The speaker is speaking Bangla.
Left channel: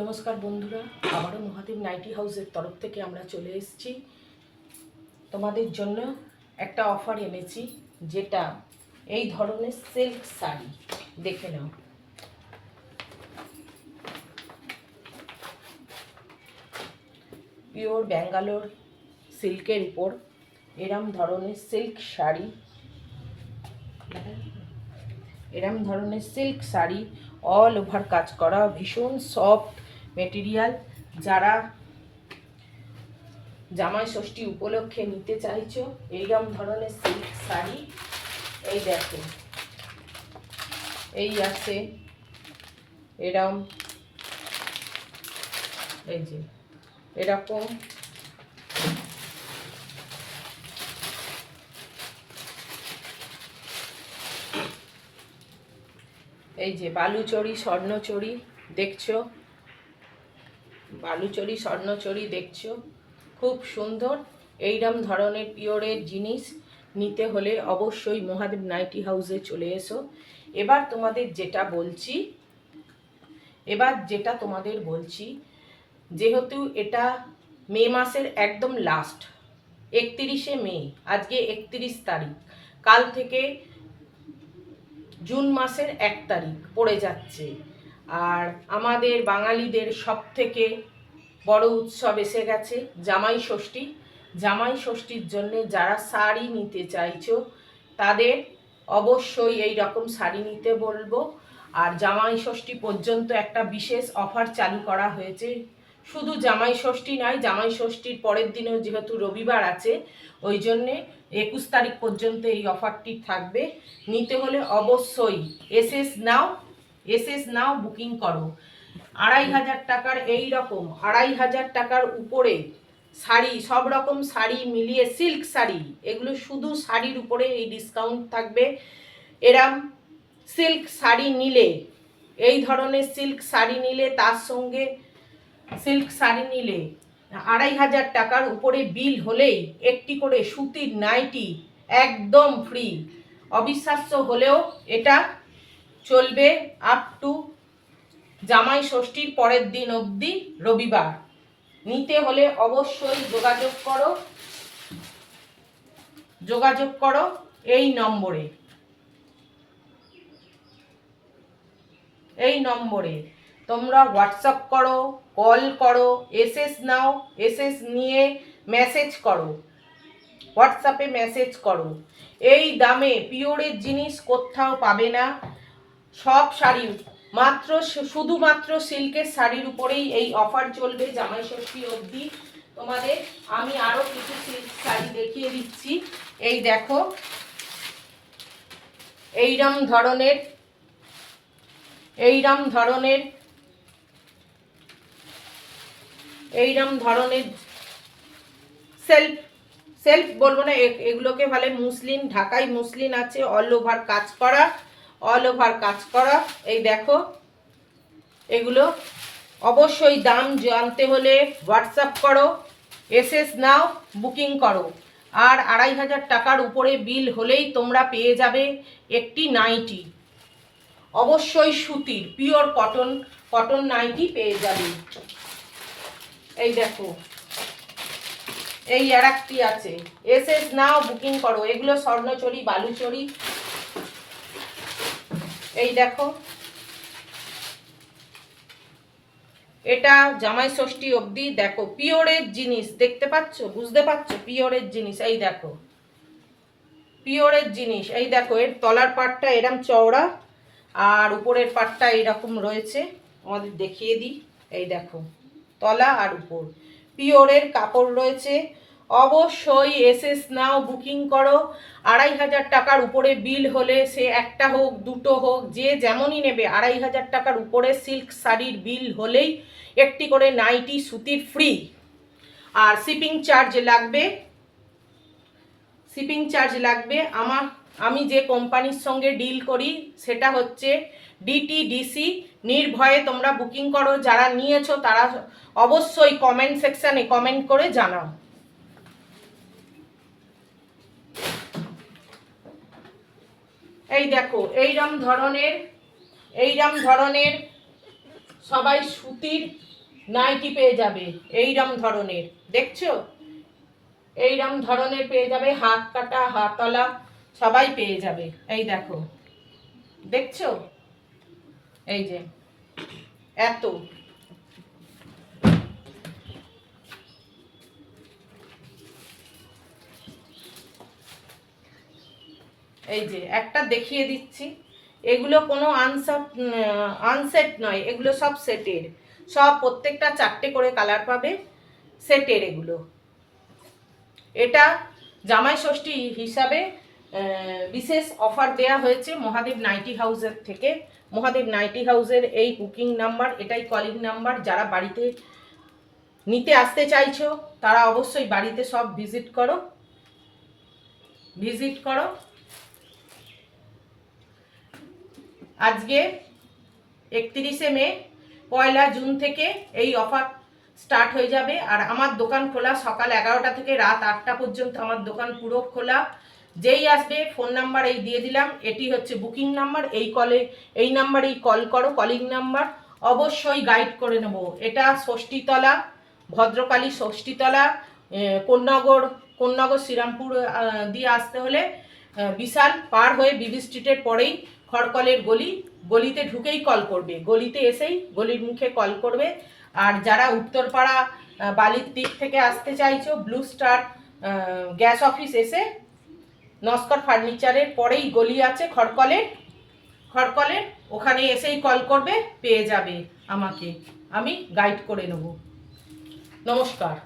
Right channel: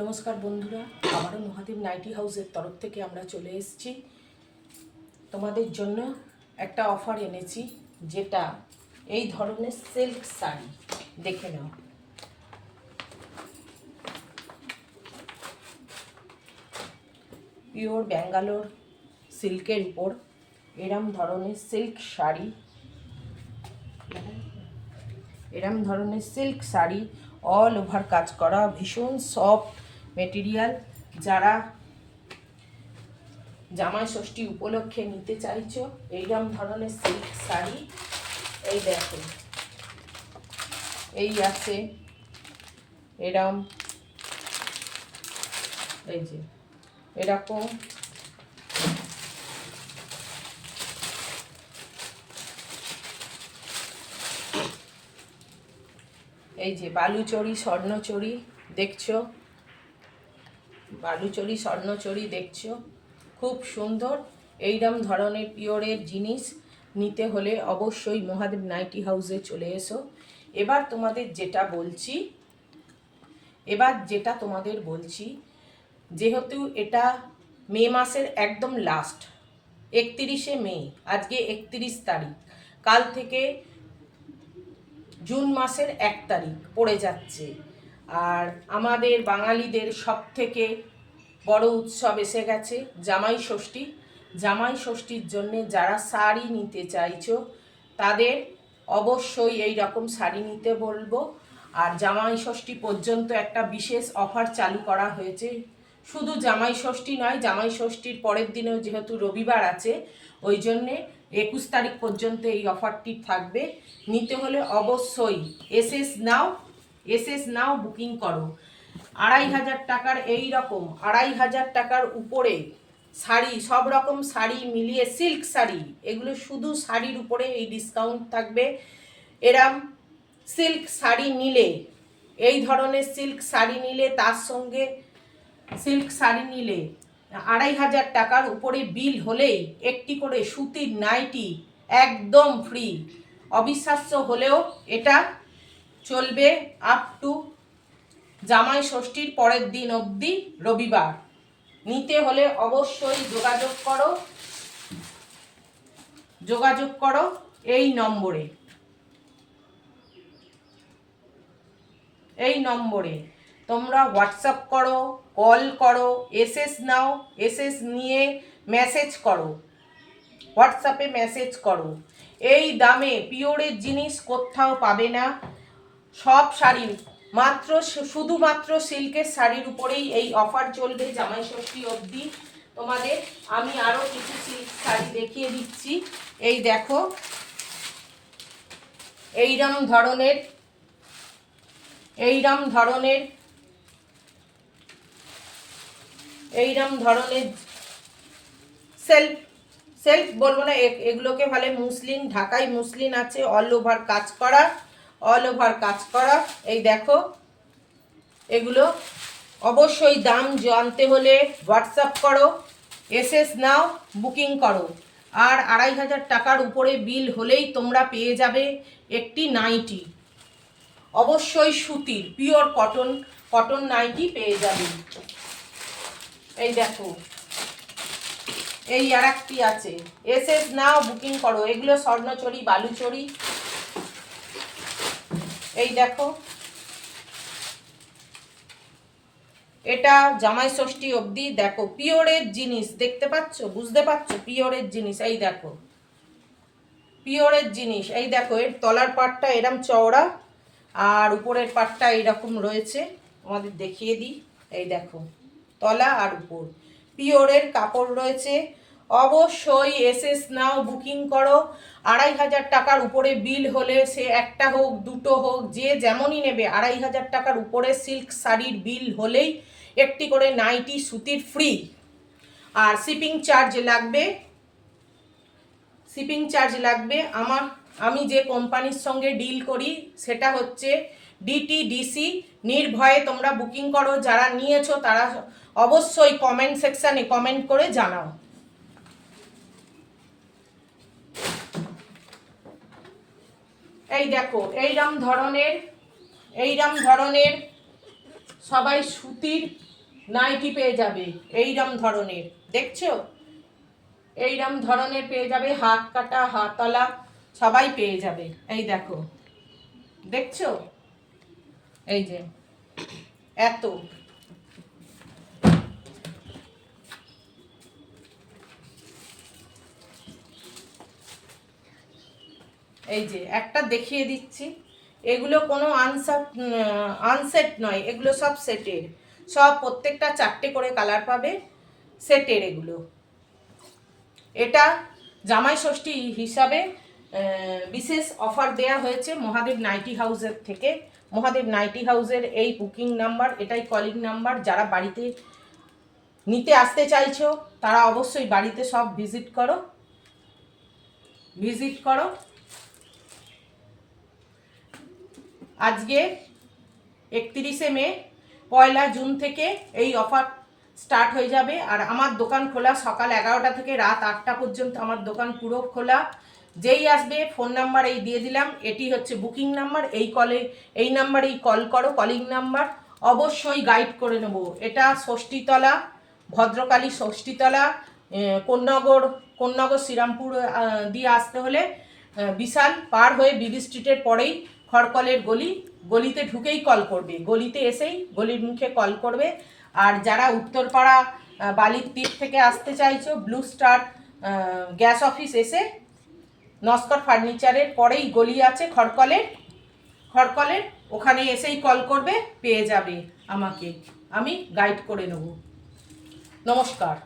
নমস্কার বন্ধুরা, আবারও মহাদেব নাইটি হাউসের তরফ থেকে আমরা চলে এসেছি। তোমাদের জন্য একটা অফার এনেছি, যেটা এই ধরনের সিল্ক শাড়ি। দেখে নাও, পিওর ব্যাঙ্গালোর সিল্কের উপর এরম ধরনের সিল্ক শাড়ি অল ওভার কাজ করা, ভীষণ সফট মেটেরিয়াল। যারা জামাই ষষ্ঠী উপলক্ষে নিতে চাইছো এইরকম ধরনের সিল্ক শাড়ি, এই দেখো, এই আছে এরম, এই যে এরকম, এই যে বালুচরি স্বর্ণচরি দেখছো, বালুচরি স্বর্ণচরি দেখছো, খুব সুন্দর। এইরকম ধরনের পিওরের জিনিস নিতে হলে অবশ্যই মহাদেব নাইটি হাউসে চলে এসো। এবার তোমাদের বলছি, যেহেতু এটা মে মাসের একদম লাস্ট, 31শে মে, আজকে 31 তারিখ, কাল থেকে জুন মাসের 1 তারিখ পড়ে যাচ্ছে। আর আমাদের বাঙালিদের সব থেকে বড় উৎসব এসে গেছে, জামাই ষষ্ঠী। জামাই ষষ্ঠীর জন্যে যারা শাড়ি নিতে চাইছো তাদের অবশ্যই এই রকম শাড়ি নিতে বলবো। আর জামাই ষষ্ঠী পর্যন্ত একটা বিশেষ অফার চালু করা হয়েছে। শুধু জামাই ষষ্ঠী নয়, জামাই ষষ্ঠীর পরের দিনেও যেহেতু রবিবার আছে, ওই জন্যে 21 তারিখ পর্যন্ত এই অফারটি থাকবে। নিতে হলে অবশ্যই এসএস নাও বুকিং করো। 2500 টাকার এই রকম 2500 টাকার উপরে শাড়ি, সব রকম শাড়ি মিলিয়ে সিল্ক শাড়ি, এগুলো শুধু শাড়ির উপরে এই ডিসকাউন্ট থাকবে। এরম সিল্ক শাড়ি নিলে, এই ধরনের সিল্ক শাড়ি নিলে, তার সঙ্গে সিল্ক শাড়ি নিলে 2500 টাকার উপরে বিল হলেই একটি করে সুতির নাইটি একদম ফ্রি। অবিশ্বাস্য হলেও এটা চলবে আপ টু জামাই ষষ্ঠীর পরের দিন অবধি, রবিবার। নিতে হলে অবশ্যই যোগাযোগ করো এই নম্বরে তোমরা হোয়াটসঅ্যাপ করো, কল করো, এসএস নাও, এসএস নিয়ে মেসেজ করো, হোয়াটসঅ্যাপে মেসেজ করো। এই দামে পিওরের জিনিস কোথাও পাবে না। সব শাড়ি শুধুমাত্র সিল্কের শাড়ির উপরেই এই অফার চলবে জামাই ষষ্ঠী অবধি। তোমাদের আমি আরো কিছু সিল্ক শাড়ি দেখিয়ে দিচ্ছি। এই দেখো, এইরম ধরনের সেলফ বলবো না, এগুলোকে ভালো মুসলিন, ঢাকাই মুসলিন আছে, অল ওভার কাজ করা। এই দেখো, এগুলো অবশ্যই দাম জানতে হলে হোয়াটসঅ্যাপ করো, এসএস নাও, বুকিং করো। আর 2500 টাকার উপরে বিল হলেই তোমরা পেয়ে যাবে একটি নাইটি, অবশ্যই সুতির পিওর কটন নাইটি পেয়ে যাবে। এই দেখো, এই আর একটি আছে, এসএস নাও, বুকিং করো। এগুলো স্বর্ণচরি, বালুচরি। এই দেখো, এটা জামাই ষষ্ঠী অবধি। দেখো, পিওরের জিনিস দেখতে পাচ্ছ, বুঝতে পারছো, পিওরের জিনিস। এই দেখো, পিওরের জিনিস। এই দেখো, এর তলার পাটটা এরম চওড়া আর উপরের পাটটা এইরকম রয়েছে। আমাদের দেখিয়ে দিই, এই দেখো, তলা আর উপর পিওরের কাপড় রয়েছে। অবশ্যই এসএস নাও, বুকিং করো। 2500 টাকার উপরে বিল হলে, সে একটা হোক দুটো হোক, যে যেমনই নেবে, 2500 টাকার উপরে সিল্ক শাড়ির বিল হলেই একটি করে নাইটি সুতির ফ্রি। আর শিপিং চার্জ লাগবে। আমি যে কোম্পানির সঙ্গে ডিল করি সেটা হচ্ছে ডিটিডিসি। নির্ভয়ে তোমরা বুকিং করো। যারা নিয়েছো তারা অবশ্যই কমেন্ট সেকশানে কমেন্ট করে জানাও। এই দেখো, এইরম ধরনের সবাই সুতির নাইটি পেয়ে যাবে এইরম ধরনের, দেখছো এইরম ধরনের পেয়ে যাবে, হাত কাটা হাতওয়ালা সবাই পেয়ে যাবে। এই দেখো, দেখছো, এই যে এত, এই যে একটা দেখিয়ে দিচ্ছি, এগুলো কোনো আনসেট নয়, এগুলো সব সেটের, সব প্রত্যেকটা 4টে করে কালার পাবে, সেটের এগুলো। এটা জামাই ষষ্ঠী হিসাবে বিশেষ অফার দেয়া হয়েছে মহাদেব নাইটি হাউসের থেকে। মহাদেব নাইটি হাউসের এই বুকিং নাম্বার, এটাই কলিং নাম্বার। যারা বাড়িতে নিতে আসতে চাইছো তারা অবশ্যই বাড়িতে সব ভিজিট করো, ভিজিট করো। আজকে 31শে মে, 1লা জুন থেকে এই অফার স্টার্ট হয়ে যাবে। আর আমার দোকান খোলা সকাল 11টা থেকে রাত 8টা পর্যন্ত, আমার দোকান পুরো খোলা। যেই আসবে ফোন নাম্বার এই দিয়ে দিলাম, এটি হচ্ছে বুকিং নাম্বার, এই নাম্বারেই কল করো, কলিং নাম্বার। অবশ্যই গাইড করে নেব। এটা ষষ্ঠীতলা, ভদ্রকালী ষষ্ঠীতলা, কোন্নগর শ্রীরামপুর দিয়ে আসতে হলে বিশাল পার হয়ে বিবি স্ট্রিটের পরেই খড়কলের গলি, গলিতে ঢুকেই কল করবে, গলিতে এসেই গলির মুখে কল করবে। আর যারা উত্তরপাড়া বালির দিক থেকে আসতে চাইছো, ব্লু স্টার গ্যাস অফিস এসে নস্কর ফার্নিচারের পরেই গলি আছে খড়কলের, ওখানে এসেই কল করবে, পেয়ে যাবে আমাকে, আমি গাইড করে নেব। নমস্কার।